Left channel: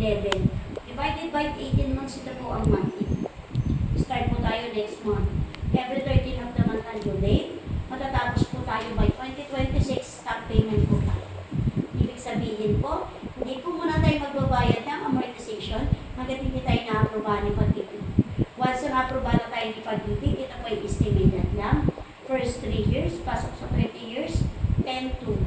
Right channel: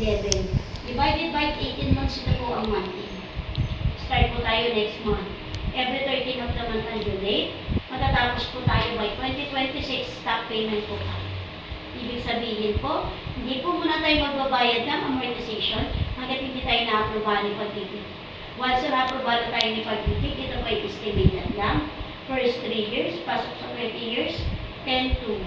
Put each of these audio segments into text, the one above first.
11. Divided by 18 months, ito po ang monthly. Start po tayo next month. Every 13 of the month ang due date. Matatapos po tayo by 2026, stop payment po tayo. Ibig sabihin po, hindi po muna tayo magbabayad ng amortization hanggat hindi tayo na-aprobahan ni pagtitig. Once na-aprobahan tayo ni pagtitig, ito po ay estimated lang. First 3 years, pasok sa 30 years, 10-2.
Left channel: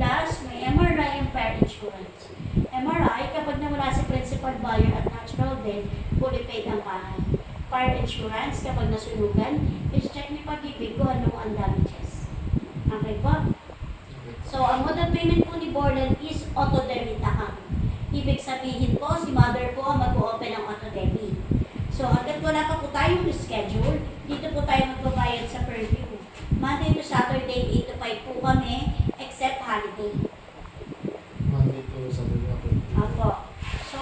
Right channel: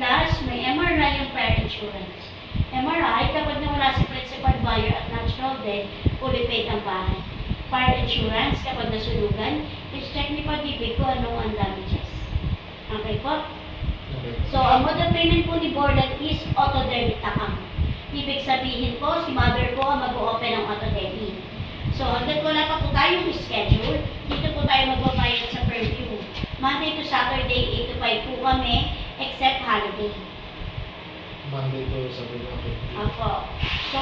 Plus, may MRI yung fire insurance. MRI, kapag nawala si principal buyer at natural death, fully paid ang bahay. Fire insurance, kapag nasunugan, is-check ni pag-ibig kung anong ang damages. Okay po? So, ang mode of payment po ni Borland is auto-debit account. Ibig sabihin po, si mother po ang mag-open ng auto-debit. So, hanggang wala pa po tayong schedule, dito po tayo magbabayad sa purview. Monday to Saturday, 8 to 5 po kami, except holiday. Monday to Saturday. Apo. So,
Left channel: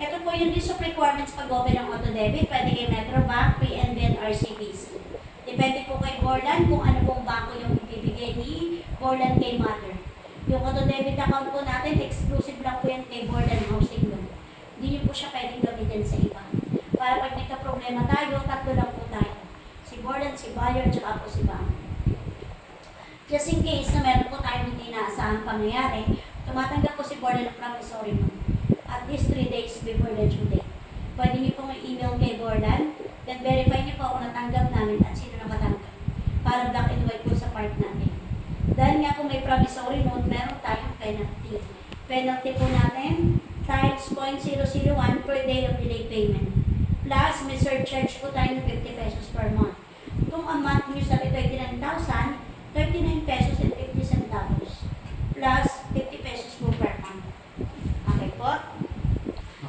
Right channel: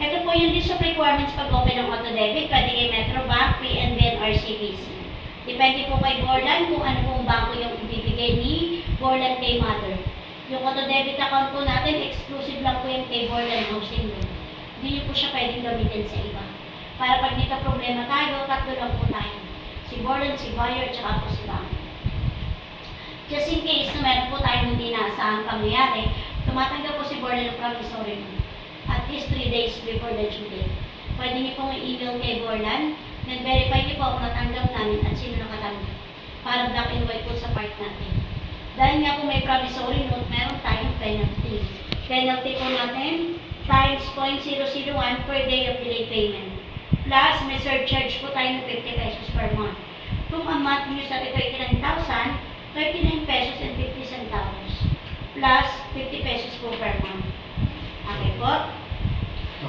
ito po yung list of requirements pag-open ng auto-debit. Pwede kay Metrobank, PNB, or CBC. Depende po kay Borland kung ano pong bangko yung ibibigay ni Borland kay mother. Yung auto-debit account po natin, exclusive lang po yung kay Borland Housing Loan. Hindi niyo po siya pwedeng gamitin sa iba. Para pag dito problema tayo, tatlo lang po tayo. Si Borland, si buyer, tsaka po si bank. Just in case na meron po tayong hindi naasahang pangyayari, tumatanggap po si Borland ng promissory note. At least 3 days before the due date. Pwede niyo pong i-email kay Borland, then verify niyo po kung natanggap namin at sino nakatanggap. Para black and white po sa part natin. Dahil nga po may promissory note, meron tayong penalty. Penalty po natin, times 0.001 per day of delay payment. Plus, may surcharge po tayo ng 50 pesos per month. Kung ang month nyo sa ito ay 39,000, 39 pesos and 50 centavos. Plus, 50 pesos po per month. Okay po?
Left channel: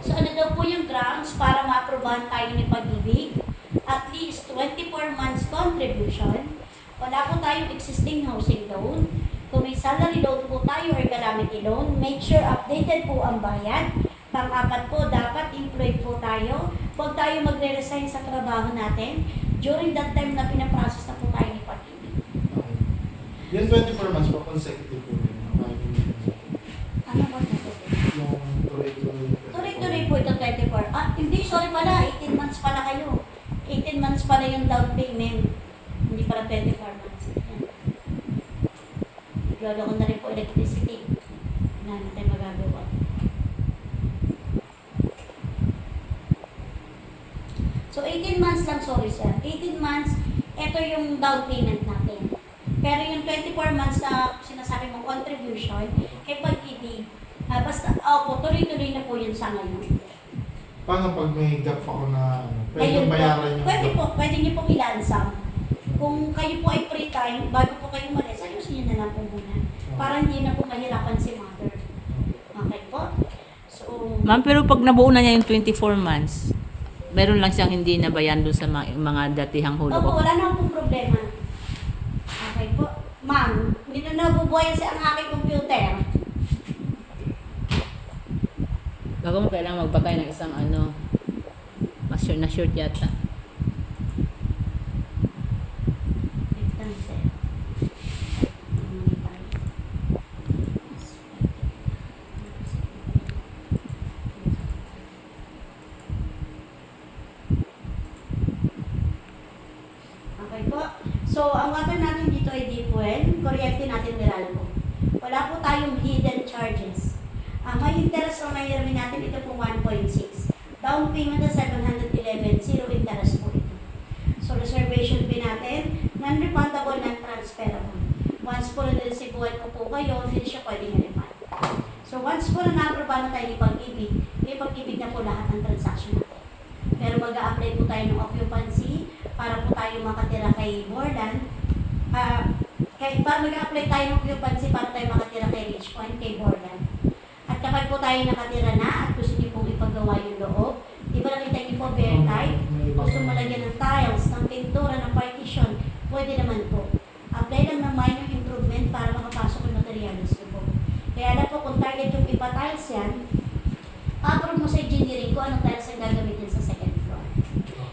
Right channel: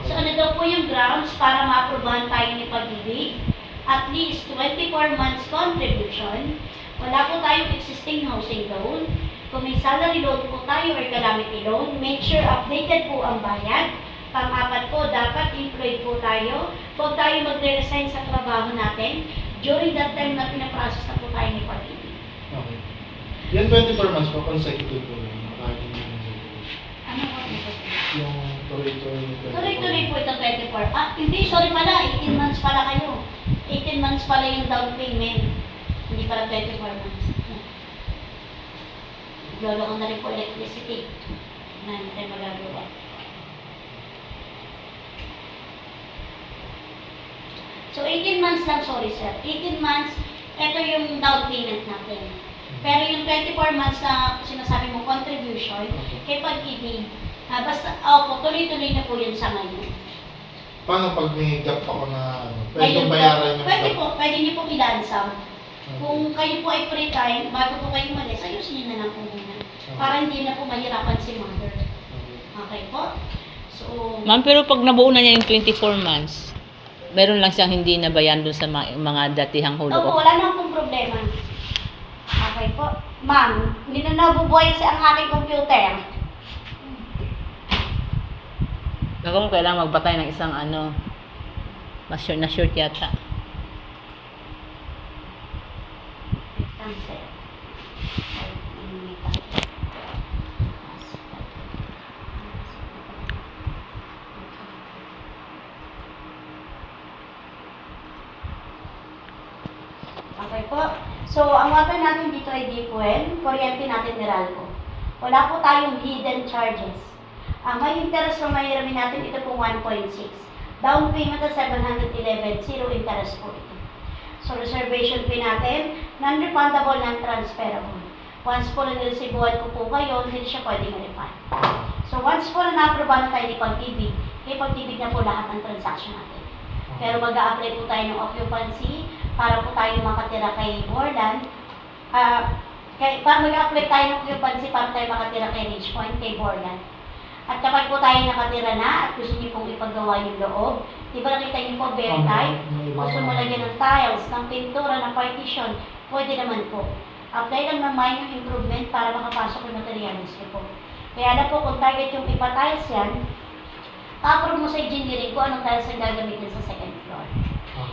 So, ano daw po yung grounds para ma-aprobahan tayo ni pag-ibig? At least 24 months contribution. Wala po tayong existing housing loan. Kung may salary loan po tayo or calamity loan, make sure updated po ang bayad. Pang-apat po, dapat employed po tayo. Huwag tayo magre-resign sa trabaho natin during that time na pinaprocess na po tayo ni pag-ibig. Okay. Yung 24 months po, consecutive po. Ano po ito? Yung tuloy-tuloy. Tuloy-tuloy po ito 24. Ah, hindi, sorry pala, 18 months pala kayo. 18 months pala yung down payment. Hindi pala 24 months. Lolo ko na rin po electricity. Wala na tayo magagawa. So, 18 months lang, sorry sir. 18 months, ito yung down payment natin. Pero yung 24 months na sinasabi mong contribution, kay pag-ibig, basta, tuloy-tuloy na po yun sa ngayon. Paano pag may gap ako na Ngayon pwede bayaran yung pwede gap? po, pwede niyo pong ilansam. Kung kayo po ay free time, bago po kayo malis, ayusin niyo na lang po muna. Para hindi na po mahirapan si mother. Okay po? So, Ma'am, pero pag nabuo na niya yung 24 months, meron lang siyang hindi nabayan doon sa mga datihang hulog. opo, wala naman pong problema. Okay po. Ma'am, hindi na nabubuhay sa ang aking computer. Baka mo kailangan magpatay ng isang na short yata. Cancel. Okay po. So, ang water natin dito ay deep well, kuryente natin Meralco. Wala po tayong hidden charges. Ang may interest na may hiramin natin, ito po 1.6. Down payment na 711, zero interest po ito. So, reservation fee natin, non-refundable, non-transferable. Once po na-receivean ko po kayo, hindi siya pwedeng ma-refund. So, once po na na-approve tayo ni pag-ibig, may pag-ibig na po lahat ng transaction natin. Pero mag-a-apply po tayo ng occupancy para po tayo makatira kay Borland. Mag-a-apply tayo ng occupancy para tayo makatira kay Richpoint, kay Borland. At kapag po tayo nakatira na at gusto niyo pong ipagawa yung loob, di ba nakita niyo po very tight? Gusto mo lagyan ng tiles, ng pintura, ng partition, pwede naman po. Apply lang ng minor improvement para makapasok yung materials niyo po. Kaya na po kung target yung ipa-tiles yan, pa-approve mo sa engineering kung anong tiles ang gagamitin sa second floor.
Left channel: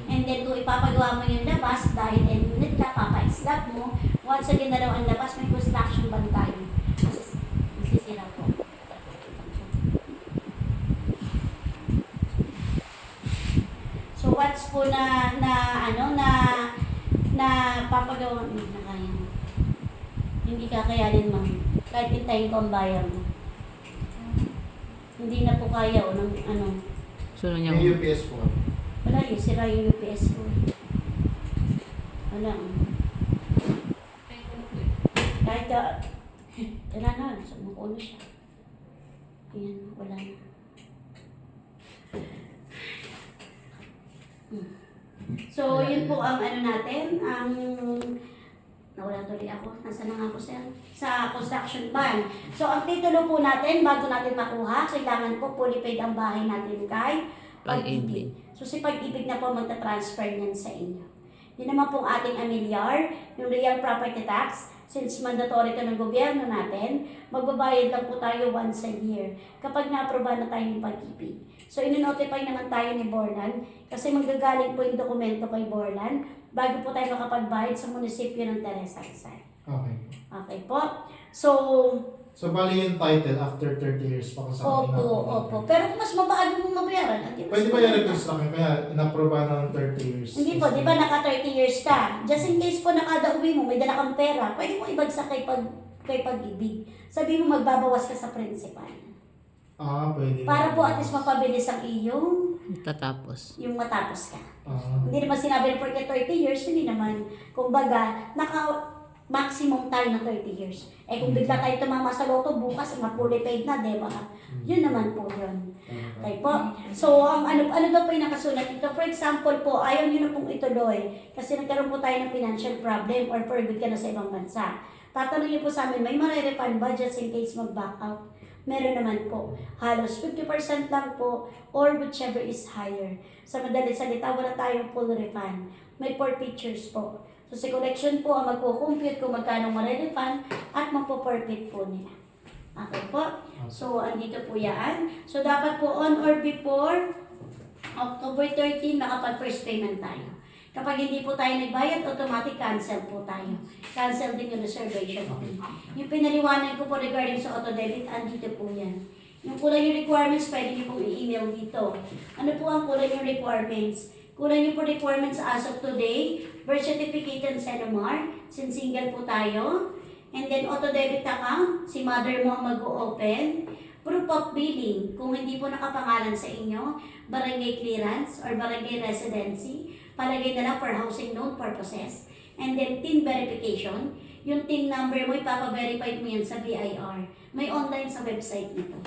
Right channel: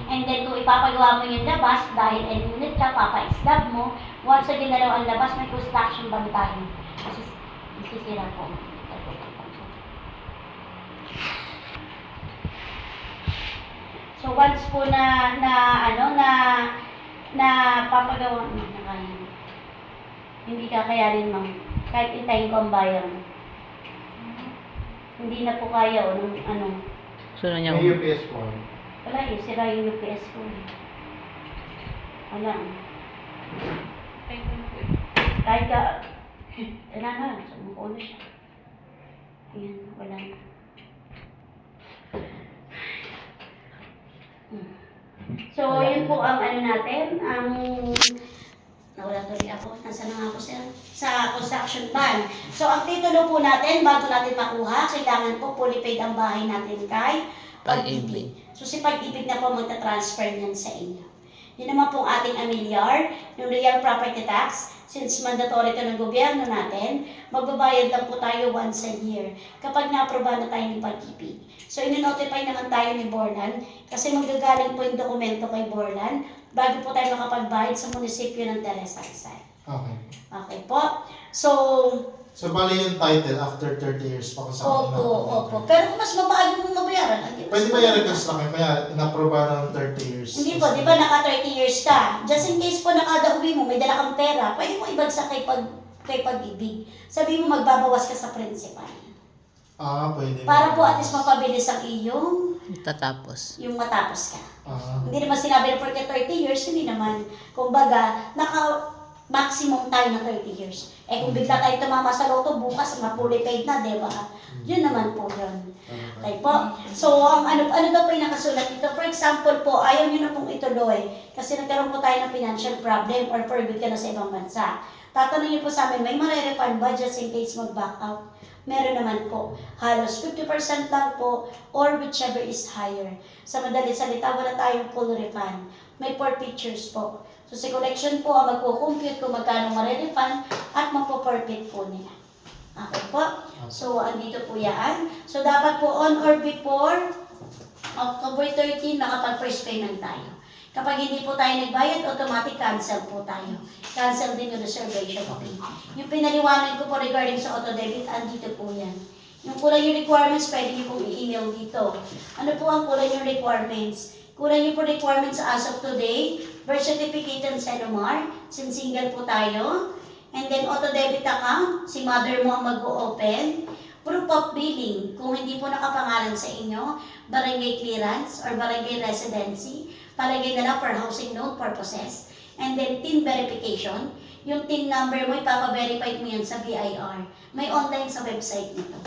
And then kung ipapagawa mo yung labas, dahil unit ka, papa-slab mo, once na ginalaw ang labas, may construction band tayo. Kasi masisira po. once po na papagawa mo na kaya. Hindi kakayanin, ma'am. Kahit intayin ko ang bayan. Hindi na po kaya o nung So, na May niya. UPS po. wala eh, sira yung UPS ko. Wala. Kahit ka, wala na, sumuko na siya. Ayan, wala na. So, yun po ang natin, ang nawala tuloy ako. Nasaan na nga ako, sir? Sa construction ban. So, ang titulo po natin, bago natin makuha, kailangan po fully paid ang bahay natin kay Pag-ibig. So, si Pag-ibig na po magta-transfer niyan sa inyo. Yun naman po ang ating amilyar, yung real property tax. Since mandatory ito ng gobyerno natin, magbabayad lang po tayo once a year kapag na-aproba na tayo ni Pag-ibig. So, ino-notify naman tayo ni Borlan kasi magagaling po yung dokumento kay Borlan bago po tayo makapagbayad sa munisipyo ng Teresa Rizal. Okay. Okay po. So, bali yung title after 30 years pa kung saan opo. Pero kung mas mabagal mong mabayaran, Pwede ba i-request lang kayo? Kaya inaproba ng 30 years. hindi po, di ba naka 30 years ka? Just in case po nakada uwi mo, may dala kang pera, pwede mo ibagsak kay Pag-ibig. Sabi mo magbabawas ka sa principal. Pwede. Para po at least mapabilis ang iyong Tatapos. yung matapos ka. Ah, Hindi naman sinabi na porque 30 years, hindi naman. Kumbaga, maximum tayo na 30 years. Eh kung bigla tayo tumama sa loto, bukas ma-fully paid na, di ba? Yun naman po yun. Okay po. So, ang ano daw po yung nakasulat dito? For example po, ayaw nyo na pong ituloy kasi nagkaroon po tayo ng financial problem or for good ka na sa ibang bansa. Tatanong niyo po sa amin, may marerefund ba just in case mag-back out? Meron naman po. Halos 50% lang po or whichever is higher. Sa madaling salita, wala tayong full refund. May forfeitures po. So, si collection po ang magkukompute kung magkano marerefund at magpo-forfeit po nila. Okay po? So, andito po yan. So, dapat po on or before October 13, nakapag-first payment tayo. Kapag hindi po tayo nagbayad, automatic cancel po tayo. Cancel din yung reservation fee. Yung pinaliwanag ko po regarding sa auto-debit, andito po yan. Yung kulang yung requirements, pwede niyo pong i-email dito. Ano po ang kulang yung requirements? Kulang niyo po requirements as of today, birth certificate and SENOMAR, since single po tayo. And then auto-debit account, si mother mo ang mag-o-open. Proof of billing, kung hindi po nakapangalan sa inyo, barangay clearance or barangay residency, palagay na lang for housing loan purposes. And then TIN verification, yung TIN number mo, ipapa-verify mo yan sa BIR. May online sa website nito.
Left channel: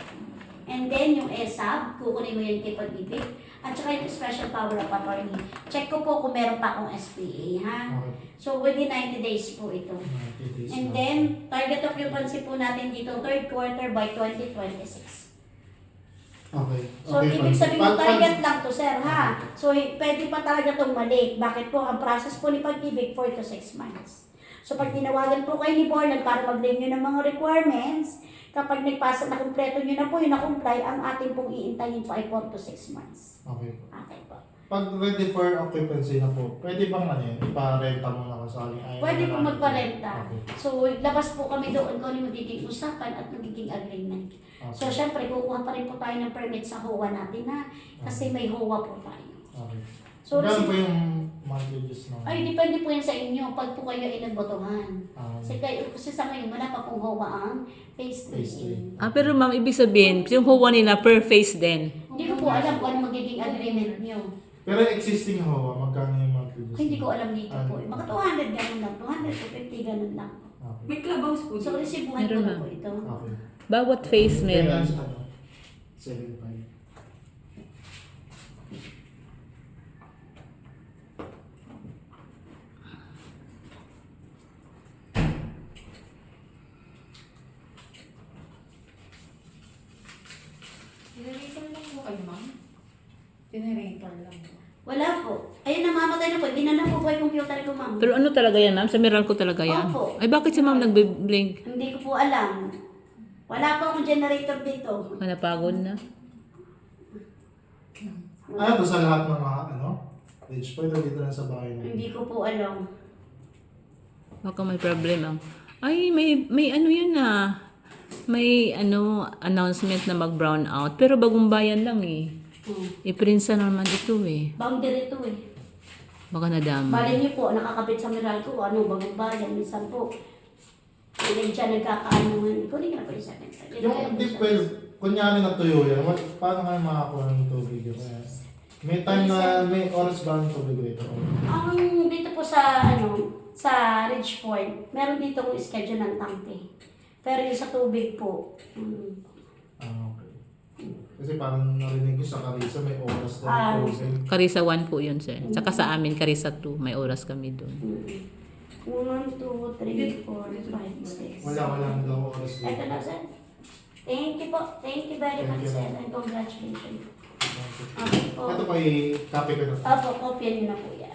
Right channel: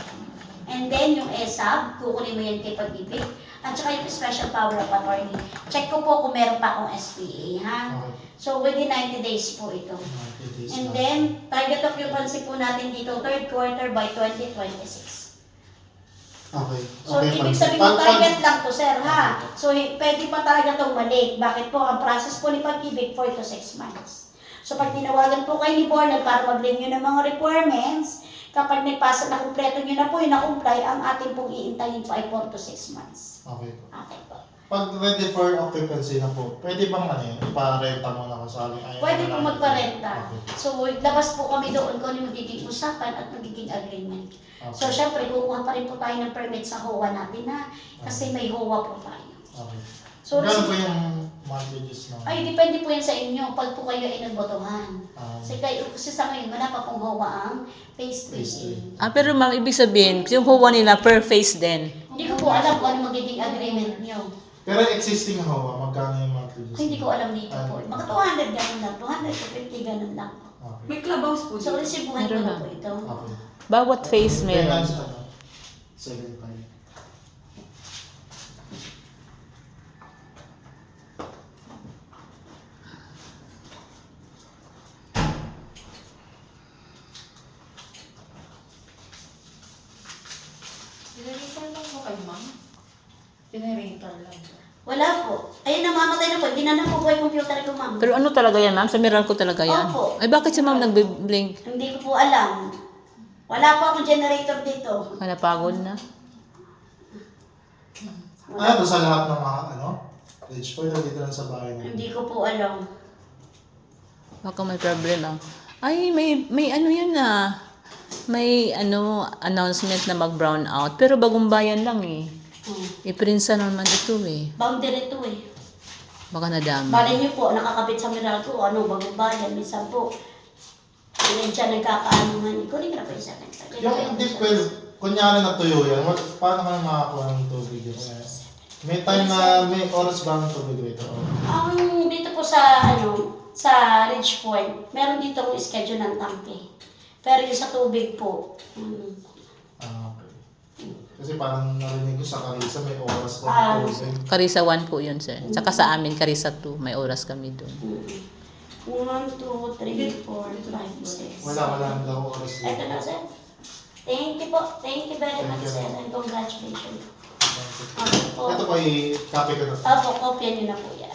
And then yung ESAB, kukunin mo yan kay Pag-ibig. At saka yung special power of attorney. Check ko po kung meron pa akong SPA, ha? Okay. So within 90 days po ito. 90 days And na. then, target occupancy po natin dito, third quarter by 2026. Okay. So, ibig sabihin mo, target lang to, sir, ha? So, pwede pa talaga itong mali. Bakit po? Ang process po ni Pag-ibig, 4 to 6 months. So, pag tinawagan po kayo ni Bornal para mag-renew ng mga requirements, kapag nagpasa na kumpleto nyo na po yung na-comply, ang ating pong iintayin po ay 4 to 6 months. Okay po. Okay po. Pag ready for occupancy na po, pwede bang ipa-renta mo na kung sali? Pwede po magparenta. Okay. So, labas po kami doon kung ano yung magiging usapan at magiging agreement. Okay. So, syempre, kukuha pa rin po tayo ng permit sa HOA natin na kasi may HOA po tayo. Okay. So, Gano'n po yung monthlies na? ay, depende po yan sa inyo pag po kayo ay nagbotohan. Ah, Kasi sa ngayon, wala pa pong HOA ang phase Phase 3A. Pero ma'am, ibig sabihin, yung huwa nila per phase din. Hindi ko po alam kung ano magiging agreement nyo. pero existing HOA, magkano yung monthlies? Ay, hindi ko alam dito po. Mga 200 ganun lang, 200 to 50 ganun lang po. Okay. May clubhouse po So, dito. resibuhan ko Meron na na. po ito. Okay. Bawat phase meron. Finance, 75. Pinaritan lang mo kayo, ma'am? Pinaritan lang. Wala po. Ayun, namamatay na po. Hindi na po yung computer ko, ma'am. Pero ano talaga yan, ma'am? Sa Meralco talaga yan? Opo. Ay, bakit si ma'am nag-blink? Hindi ko po alam. Wala pa akong generator dito. Napagod na. Ano to sa lahat ng mga page po, dito lang sa bahay na. Hindi ko po alam. Baka may problema. Ay, may ano yun na. May announcement na mag-brown out. Pero bagong bayan lang eh. Iprinsa naman ito eh. Boundary to eh. Baka nadama. Bali niyo po, nakakabit sa Meralco, ano, bagong bayan, minsan po. Ilan dyan nagkakaanuhan. Ikaw rin na pa yung second time. Yung deep well, kunyari natuyo yan, paano kayo makakuha ng tubig yun? May time na may oras ba ang tubig dito? Ang dito po sa, sa Ridge Point, meron dito kong schedule ng tangke. Pero yung sa tubig po, Ah, okay. Kasi parang narinig ko sa Carissa, may oras ba Ah, ang tubig? Karisa 1 po yun, sir. Tsaka sa amin, Karisa 2. May oras kami doon. 1, 2, 3, 4, 5, 6. Wala daw oras dito. Ito na, sir. Thank you po. Thank you very much, Thank you. sir. And congratulations. Okay po. Ito po, i-copy ko na. Opo, kopya niyo na po yan.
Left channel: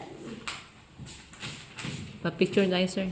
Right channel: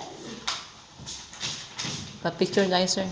Pa-picture tayo, sir.